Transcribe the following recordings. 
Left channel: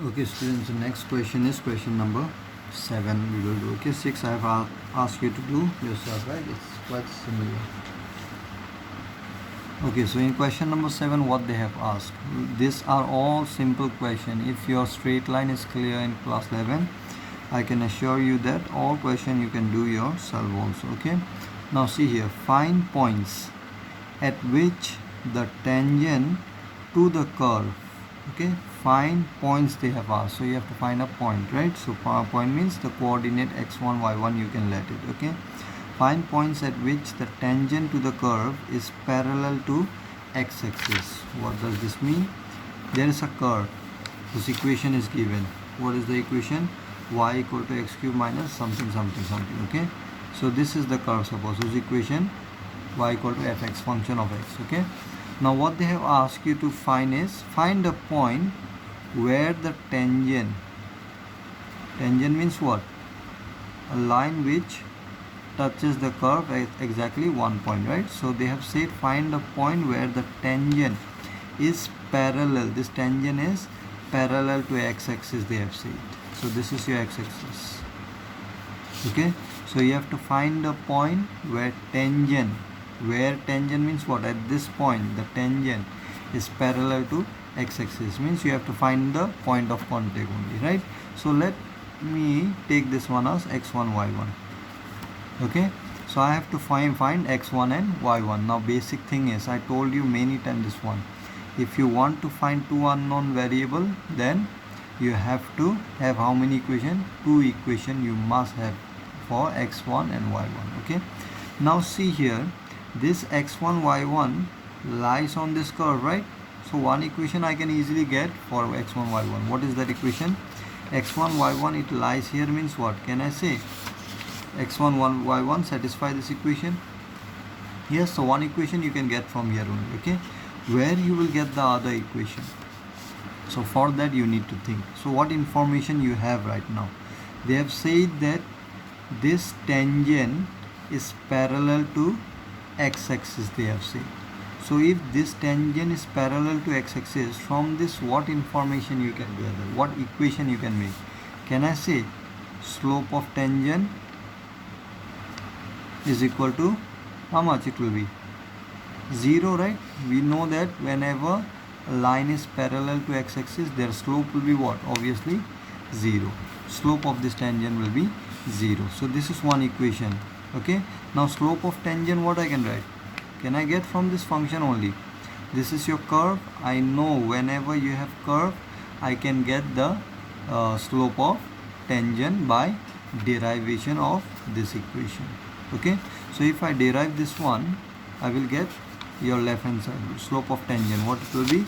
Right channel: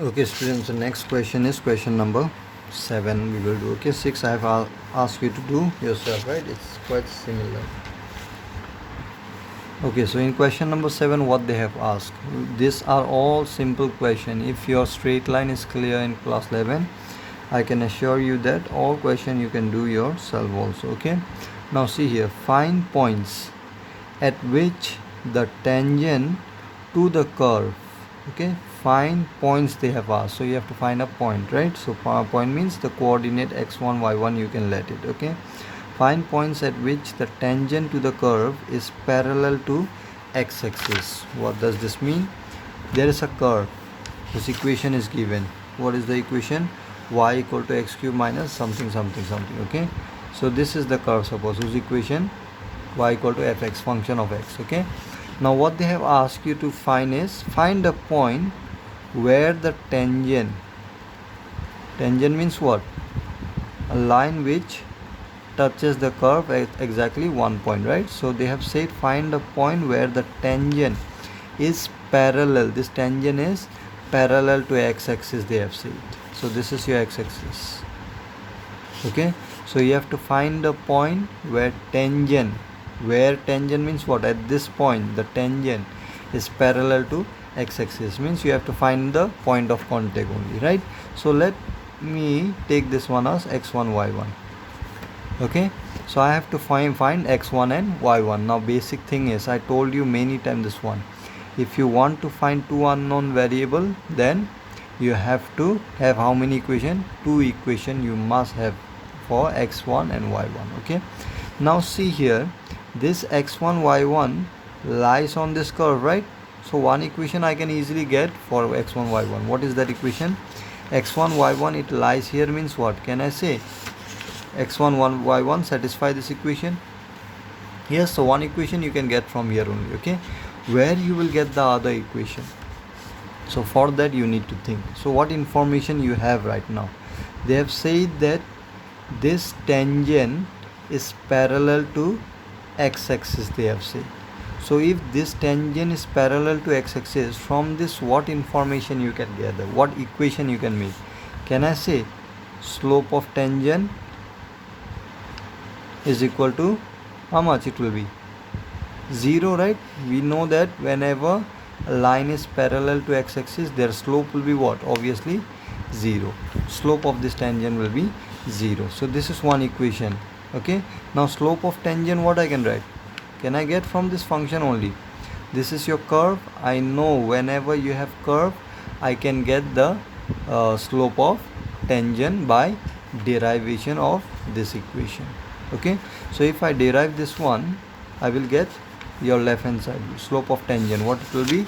Okay, students, the next question is question number 7. We will do. Okay, 6 I have asked you to do yourself, right? It's quite similar. Okay, so in question number 7, what they have asked, these are all simple question. If your straight line is clear in class 11, I can assure you that all question you can do yourself also. Okay, now see here, find points at which the tangent to the curve. Okay, find points they have asked, so you have to find a point, right? So point means the coordinate x1 y1, you can let it. Okay, find points at which the tangent to the curve is parallel to x-axis. What does this mean? There is a curve, this equation is given. What is the equation? Y equal to x cube minus something something something. Okay, so this is the curve, suppose whose equation y equal to fx, function of x. Okay, now what they have asked you to find is, find a point where the tangent means what? A line which touches the curve at exactly one point, right? So they have said find a point where the tangent is parallel. This tangent is parallel to x-axis, they have said. So this is your x-axis. Okay, so you have to find a point where tangent means what? At this point the tangent is parallel to x-axis, means you have to find the point of contact only, right? So let me take this one as x1 y1. Okay, so I have to find x1 and y1. Now basic thing is, I told you many times this one, if you want to find two unknown variable, then you have to have how many equation? Two equation you must have for x1 and y1. Okay, now see here, this x1 y1 lies on this curve, right? So one equation I can easily get for x1 y1. What is that equation? x1 y1, it lies here, means what can I say? x1 y1 satisfy this equation. Yes, so one equation you can get from here only. Okay, where you will get the other equation? So for that you need to think. So what information you have right now? They have said that this tangent is parallel to x-axis, they have said. So if this tangent is parallel to x-axis, from this what information you can gather? What equation you can make? Can I say slope of tangent is equal to how much? It will be 0, right? We know that whenever a line is parallel to x-axis, their slope will be what? Obviously 0. Slope of this tangent will be 0. So this is one equation. Okay, now slope of tangent, what I can write? Can I get from this function only? This is your curve. I know whenever you have curve, I can get the slope of tangent by derivation of this equation. Okay, so if I derive this one, I will get your left hand side slope of tangent. What it will be?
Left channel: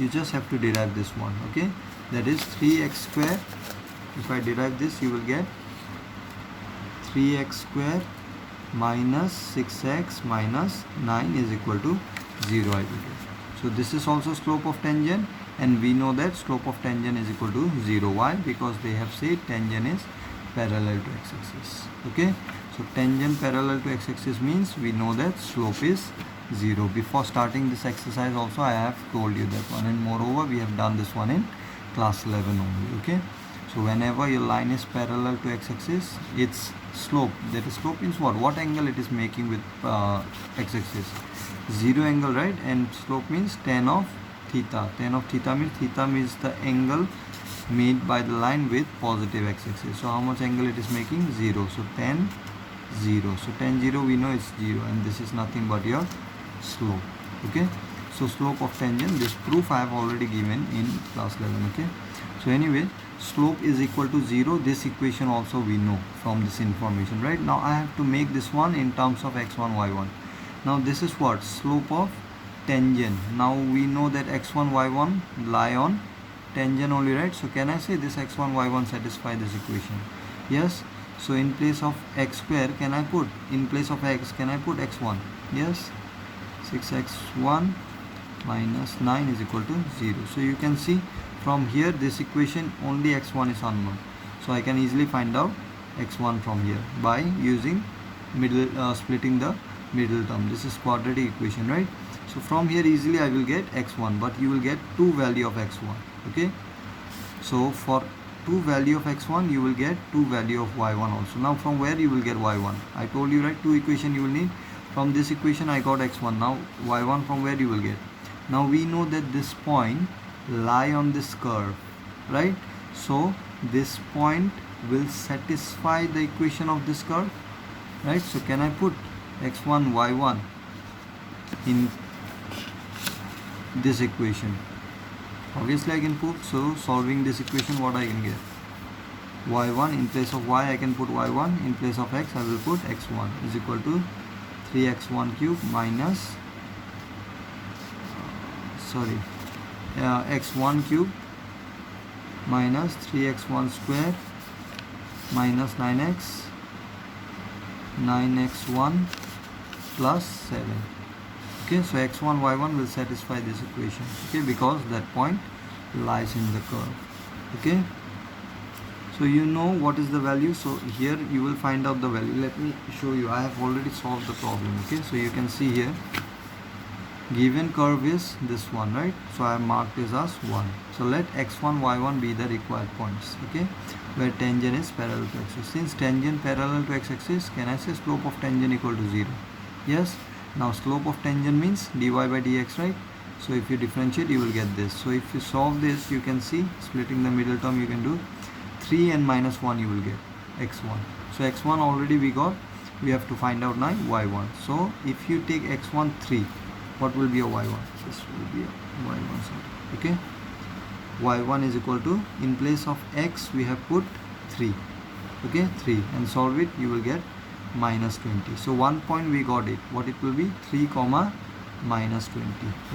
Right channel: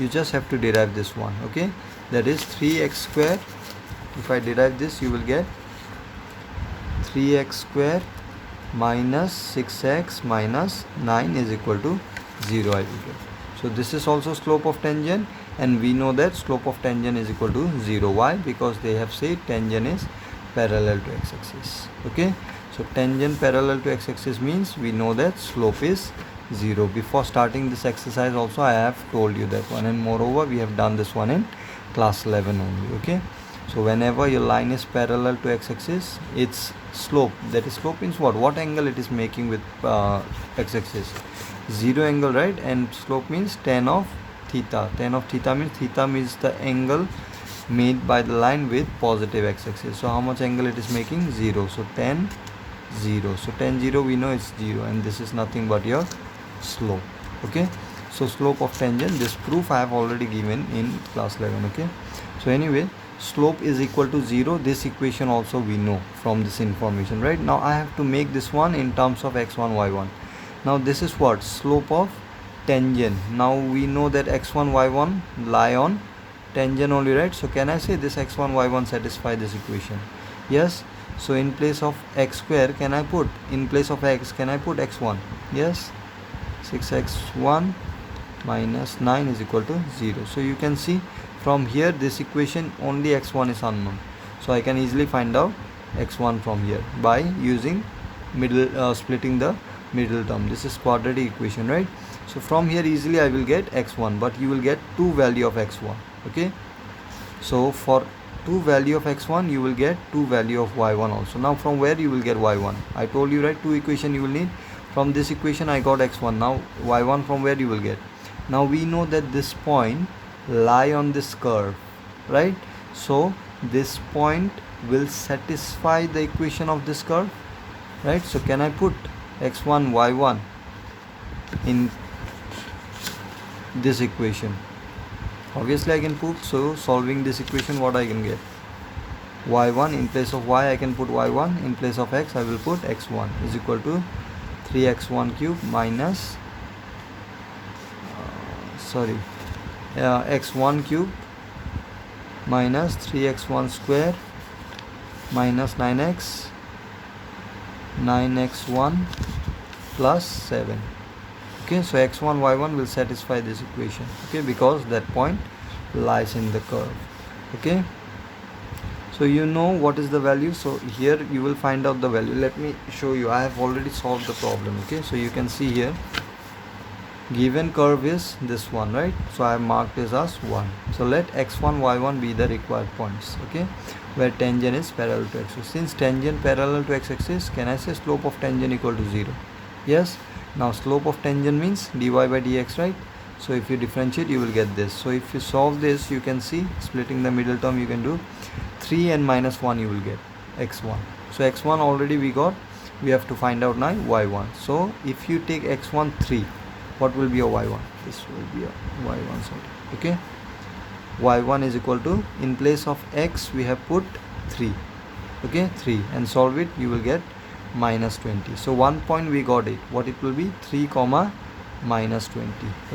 You just have to derive this one. Okay, that is 3x square. If I derive this, you will get 3x square minus 6x minus 9 is equal to 0, I will get. So this is also slope of tangent, and we know that slope of tangent is equal to 0. Why? Because they have said tangent is parallel to x-axis. Okay, so tangent parallel to x-axis means we know that slope is 0. Before starting this exercise also I have told you that one, and moreover we have done this one in class 11 only. Okay, so whenever your line is parallel to x-axis, its slope, that is slope means what angle it is making with x-axis? 0 angle, right? And slope means tan of theta. Tan of theta means the angle made by the line with positive x-axis. So how much angle it is making? 0. So tan 0. So tan 0 we know it's 0, and this is nothing but your slope. Okay, so slope of tangent, this proof I have already given in class 11. Okay, so anyway, slope is equal to 0. This equation also we know from this information, right? Now I have to make this one in terms of x1 y1. Now this is what? Slope of tangent. Now we know that x1 y1 lie on tangent only, right? So can I say this x1 y1 satisfy this equation? Yes. So in place of x square, can I put, in place of x, can I put x1? Yes, 6x1 minus 9 is equal to 0. So you can see from here this equation only x1 is unknown, so I can easily find out x1 from here by using middle splitting the middle term. This is quadratic equation, right? So from here easily I will get x1, but you will get two value of x1. Okay, So for 2 value of x1 you will get 2 value of y1 also. Now from where you will get y1? I told you, right, 2 equation you will need. From this equation I got x1. Now y1 from where you will get? Now we know that this point lie on this curve, right? So this point will satisfy the equation of this curve, right? So can I put x1 y1 in this equation? Obviously I can put. So solving this equation, what I can get? Y1 in place of y I can put y1, in place of x I will put x1 is equal to 3x1 cube minus x1 cube minus 3x1 square minus 9x1 plus 7. Okay, so x1 y1 will satisfy this equation, okay, because that point lies in the curve. Okay, so you know what is the value. So here you will find out the value. Let me show you. I have already solved the problem. Okay, so you can see here given curve is this one, right? So I have marked this as 1. So let x1 y1 be the required points, okay, where tangent is parallel to x-axis. Since tangent parallel to x-axis, can I say slope of tangent equal to 0? Yes. Now slope of tangent means dy by dx, right? So if you differentiate you will get this. So if you solve this, you can see splitting the middle term you can do 3 and minus 1 you will get x1. So x1 already we got. We have to find out now y1. So if you take x1 3, what will be a y1? This will be a y1, sorry. Okay, y1 is equal to, in place of x we have put 3, okay, 3, and solve it, you will get minus 20. So 1 point we got it. What it will be? 3 comma minus 20.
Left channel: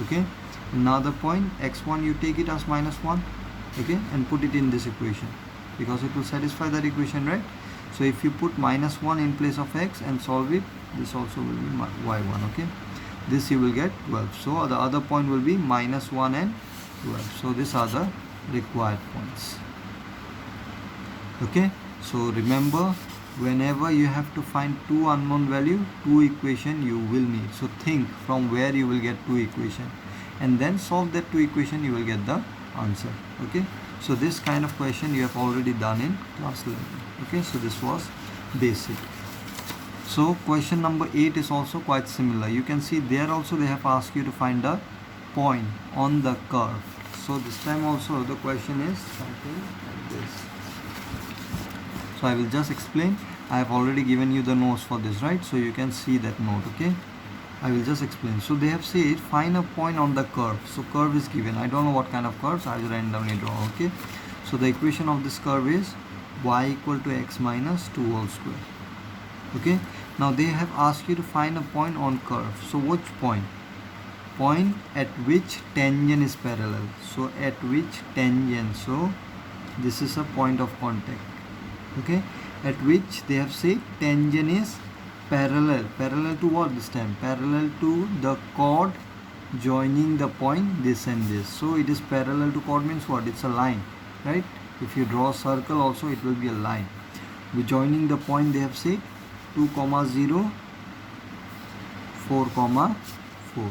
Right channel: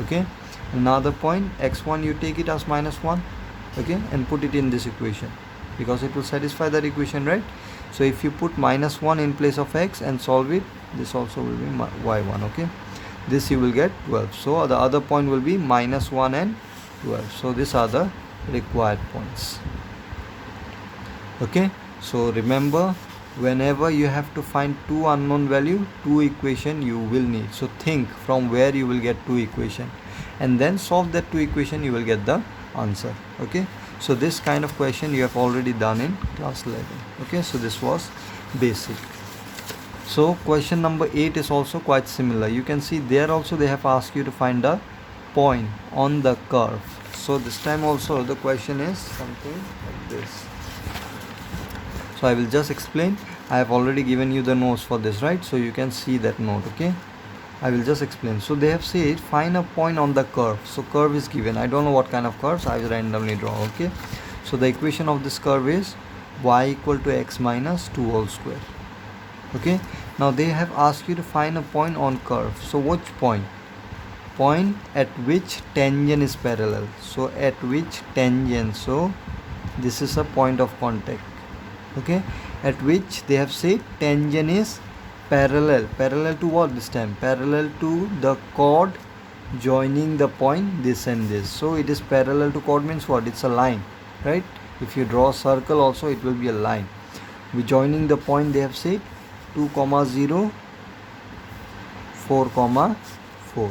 Okay, another point, x1 you take it as minus 1, okay, and put it in this equation because it will satisfy that equation, right? So if you put minus 1 in place of x and solve it, this also will be y1. Okay, this you will get 12. So the other point will be minus 1 and 12. So these are the required points. Okay, so remember, whenever you have to find two unknown value, two equation you will need. So think from where you will get two equation and then solve that two equation, you will get the answer. Okay, so this kind of question you have already done in class 11. Okay, so this was basic. So question number 8 is also quite similar. You can see there also they have asked you to find a point on the curve. So this time also the question is something like this. So I will just explain. I have already given you the notes for this, right? So you can see that note. Okay, I will just explain. So they have said find a point on the curve. So curve is given. I don't know what kind of curves, I will randomly draw. Okay, so the equation of this curve is y equal to x minus 2 whole square. Okay, now they have asked you to find a point on curve. So which point? Point at which tangent is parallel. So at which tangent, so this is a point of contact. Okay, at which they have said tangent is parallel to what this time? Parallel to the chord joining the point this and this. So it is parallel to chord means what? It's a line, right? If you draw a circle also it will be a line. We joining the point, they have said 2, 0, 4, 4.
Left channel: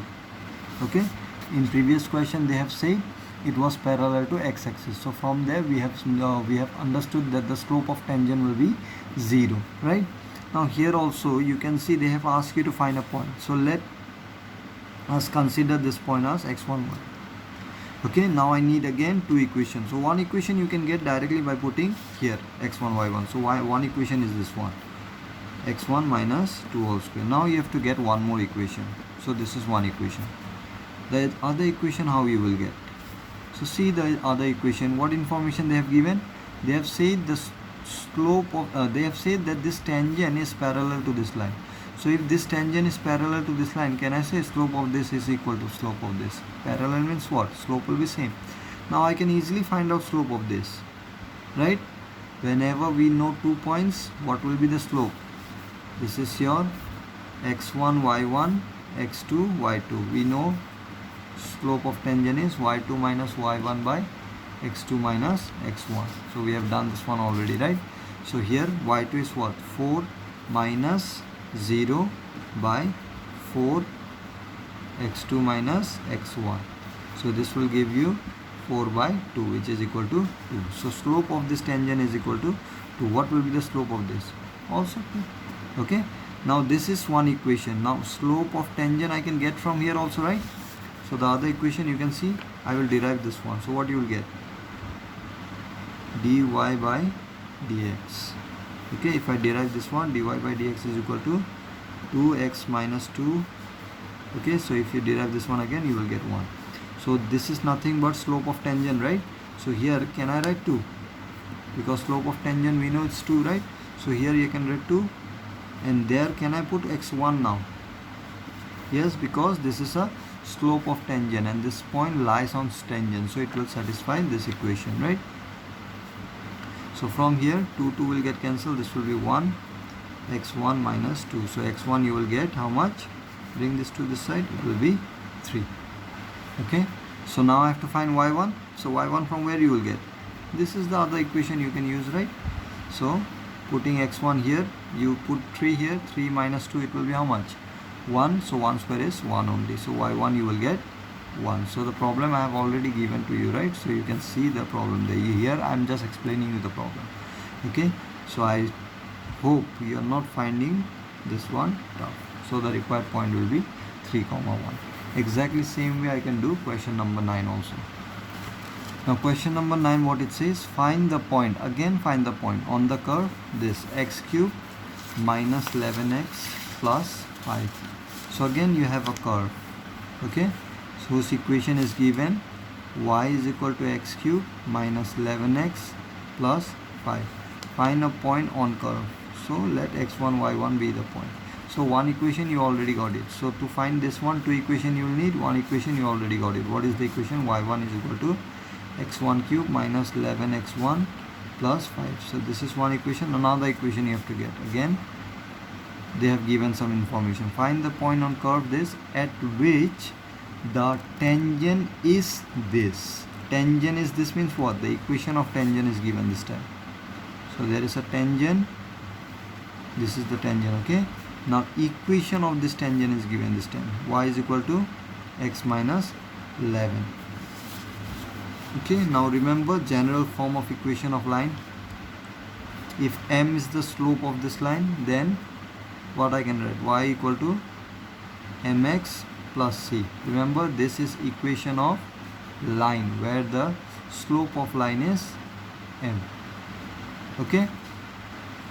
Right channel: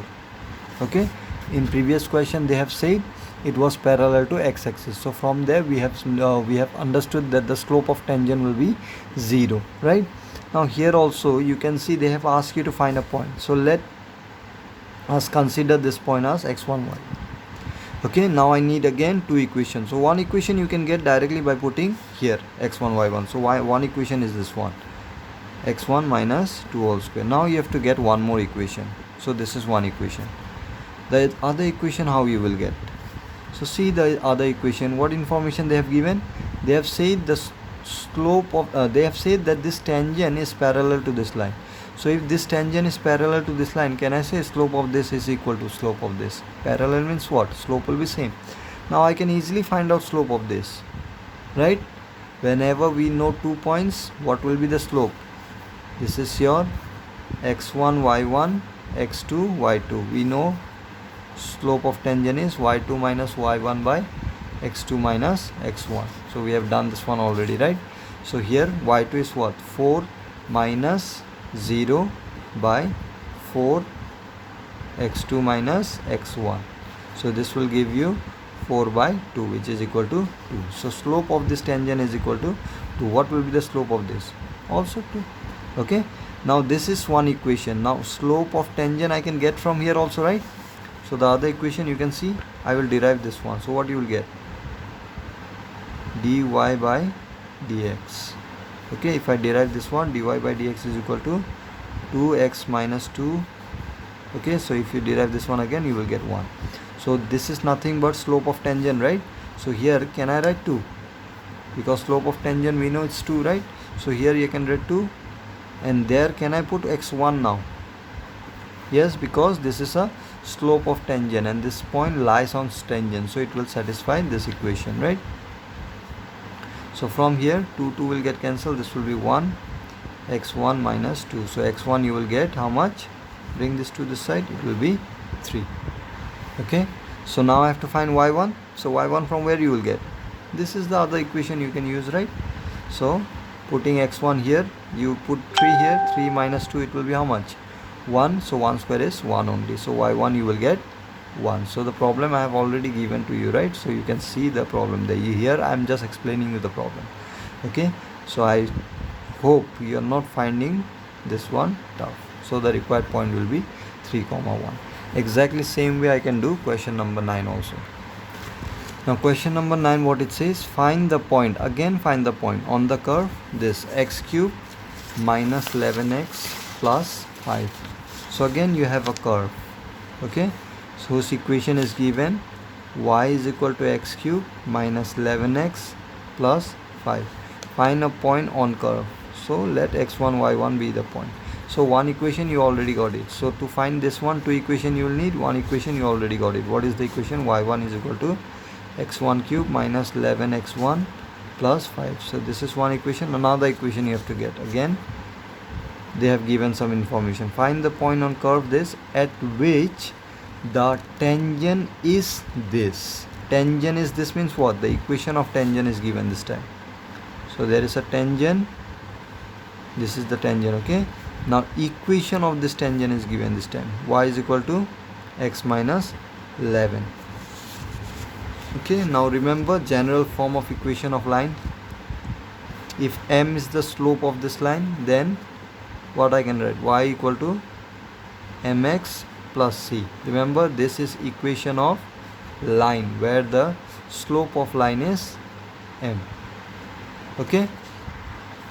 Okay, in previous question they have said it was parallel to x-axis. So from there we have understood that the slope of tangent will be 0, right? Now here also you can see they have asked you to find a point. So let us consider this point as x1, y. Okay, now I need again two equations. So one equation you can get directly by putting here x1, y1. So one equation is this one, x1 minus 2 whole square. Now you have to get one more equation. So this is one equation. The other equation how you will get? So see the other equation, what information they have given? They have said the slope of they have said that this tangent is parallel to this line. So if this tangent is parallel to this line, can I say slope of this is equal to slope of this? Parallel means what? Slope will be same. Now I can easily find out slope of this, right? Whenever we know 2 points, what will be the slope? This is your x1 y1, x2 y2. We know slope of tangent is y2 minus y1 by x2 minus x1. So we have done this one already, right? So here y2 is what? 4 minus 0 by 4 x2 minus x1. So this will give you 4 by 2, which is equal to 2. So slope of this tangent is equal to 2. What will be the slope of this? Also 2. Okay, now this is one equation. Now slope of tangent I can get from here also, right? So the other equation you can see, I will derive this one. So what you will get? dy by dx. Okay, if I derive this one, dy by dx is equal to 2x minus 2. Okay, so if you derive this one again, you will get 1. So this is nothing but slope of tangent, right? So here can I write 2? Because slope of tangent we know it's 2, right? So here you can write 2, and there can I put x1 now? Yes, because this is a slope of tangent and this point lies on tangent, so it will satisfy this equation, right? So from here 2 will get cancelled. This will be 1, x1 minus 2. So x1 you will get how much? Bring this to this side, it will be 3. Okay, so now I have to find y1. So y1 from where you will get? This is the other equation you can use, right? So putting x1 here, you put 3 here, 3 minus 2, it will be how much? 1. So 1 square is 1 only. So y1 you will get 1. So the problem I have already given to you, right? So you can see the problem there. Here I am just explaining you the problem. Okay, so I hope you are not finding this one tough. So the required point will be 3, 1. Exactly same way I can do question number 9 also. Now question number 9, what it says, find the point. Again find the point on the curve, this x cube minus 11x plus 5. So again you have a curve. Okay, so this equation is given, y is equal to x cube minus 11x plus 5. Find a point on curve. So let x1 y1 be the point. So one equation you already got it. So to find this one, 2 equation you will need. One equation you already got it. What is the equation? y1 is equal to x1 cube minus 11x1 plus 5. So this is one equation. Another equation you have to get. Again they have given some information. Find the point on curve this at which the tangent is this. Tangent is this means what? The equation of tangent is given this time. So there is a tangent. This is the tangent. Okay, now equation of this tangent is given this time. Y is equal to x minus 11. Okay, now remember general form of equation of line. If m is the slope of this line, then what I can write? Y equal to mx plus c. Remember, this is equation of line where the slope of line is m. Okay,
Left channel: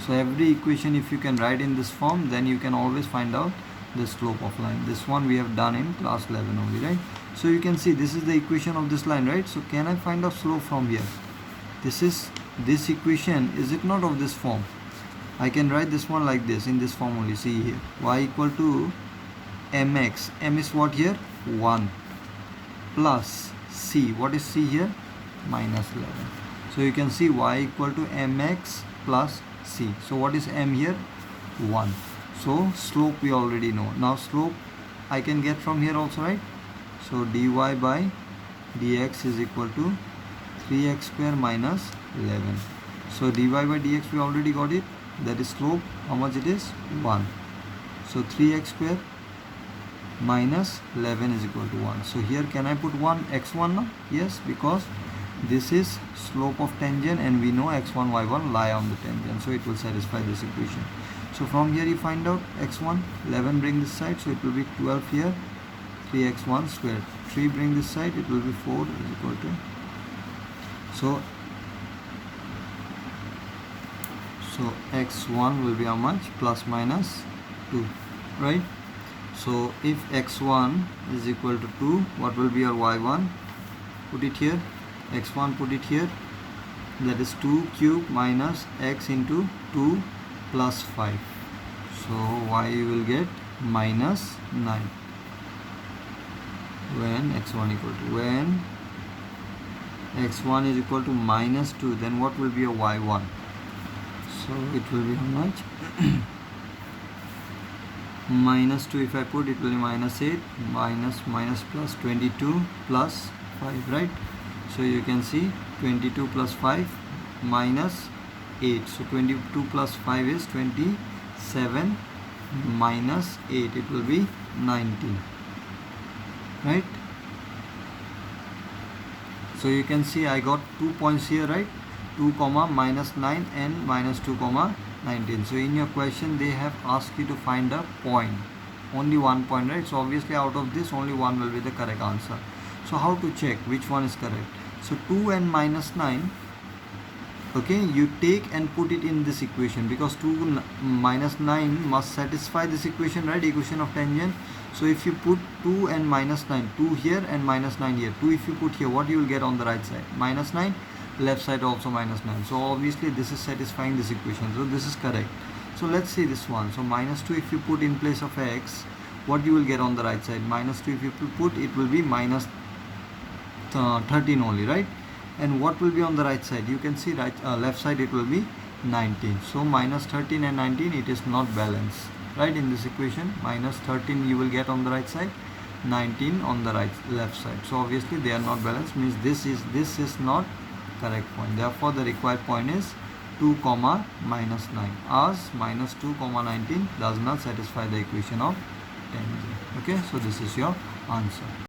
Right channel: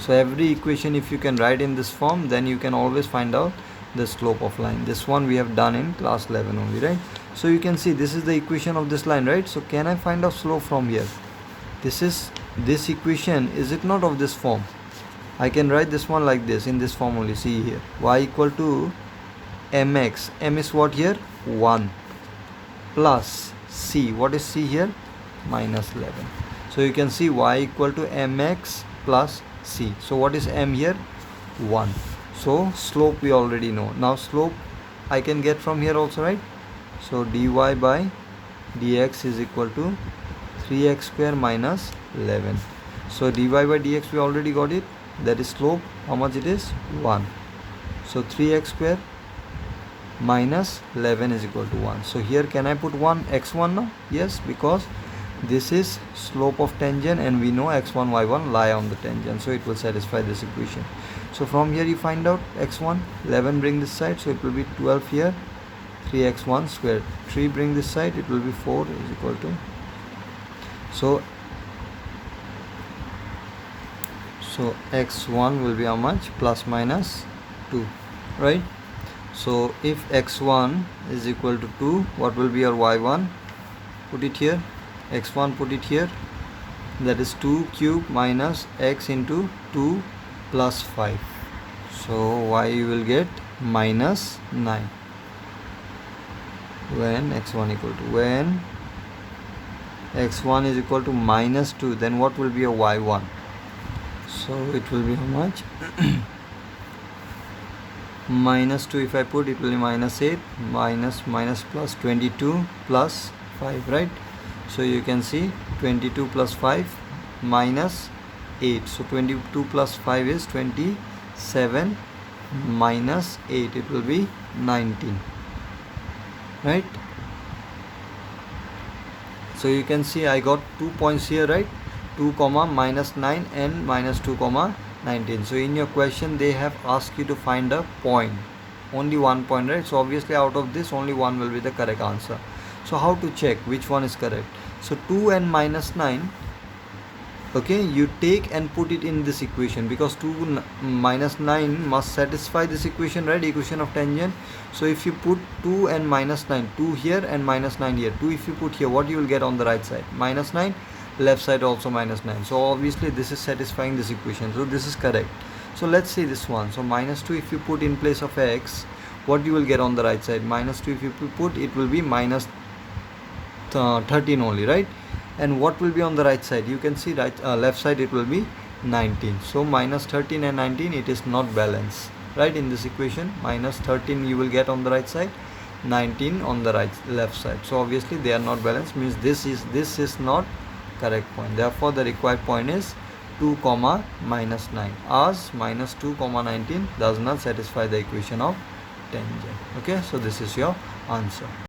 so every equation if you can write in this form, then you can always find out the slope of line. This one we have done in class 11 only, right? So you can see this is the equation of this line, right? So can I find out slope from here? This equation, is it not of this form? I can write this one like this, in this form only. See here, y equal to mx. M is what here? 1 plus c. What is c here? Minus 11. So you can see y equal to mx plus c. So what is m here? 1. So slope we already know. Now slope I can get from here also, right? So dy by dx is equal to 3x square minus 11. So dy by dx we already got it. That is slope. How much it is? 1. So 3x square minus 11 is equal to 1. So here can I put 1 x1 now? Yes, because this is slope of tangent and we know x1 y1 lie on the tangent, so it will satisfy this equation. So from here you find out x1, 11 bring this side, so it will be 12 here, 3x1 squared. 3 bring this side, it will be 4 is equal to, so x1 will be how much? Plus minus 2, right? So if x1 is equal to 2, what will be your y1? Put it here. X1 put it here. That is 2 cube minus x into 2 plus 5. So y will get minus 9. When x1 equal to, when x1 is equal to minus 2, then what will be a y1? So it will be how much? Minus 2 if I put, it will be minus 8, minus plus 22 plus 5, right? So you can see 22 plus 5 minus 8. So 22 plus 5 is 27 minus 8. It will be 19. Right? So you can see I got 2 points here, right? 2 comma minus 9 and minus 2 comma 19. So in your question they have asked you to find a point, only one point, right? So obviously out of this only one will be the correct answer. So how to check which one is correct? So 2 and minus 9, okay, you take and put it in this equation, because 2 minus 9 must satisfy this equation, right? Equation of tangent. So if you put 2 and minus 9, 2 here and minus 9 here, 2 if you put here, what you will get on the right side? Minus 9, left side also minus 9. So obviously this is satisfying this equation, so this is correct. So let's see this one. So minus 2 if you put in place of x, what you will get on the right side? Minus 2 if you put, it will be minus 13 only, right? And what will be on the right side? You can see right left side it will be 19. So minus 13 and 19, it is not balanced, right? In this equation, minus 13 you will get on the right side, 19 on the left side. So obviously they are not balanced, means this is not correct point. Therefore the required point is 2 comma minus 9, as minus 2 comma 19 does not satisfy the equation of tangent. Okay, so this is your answer.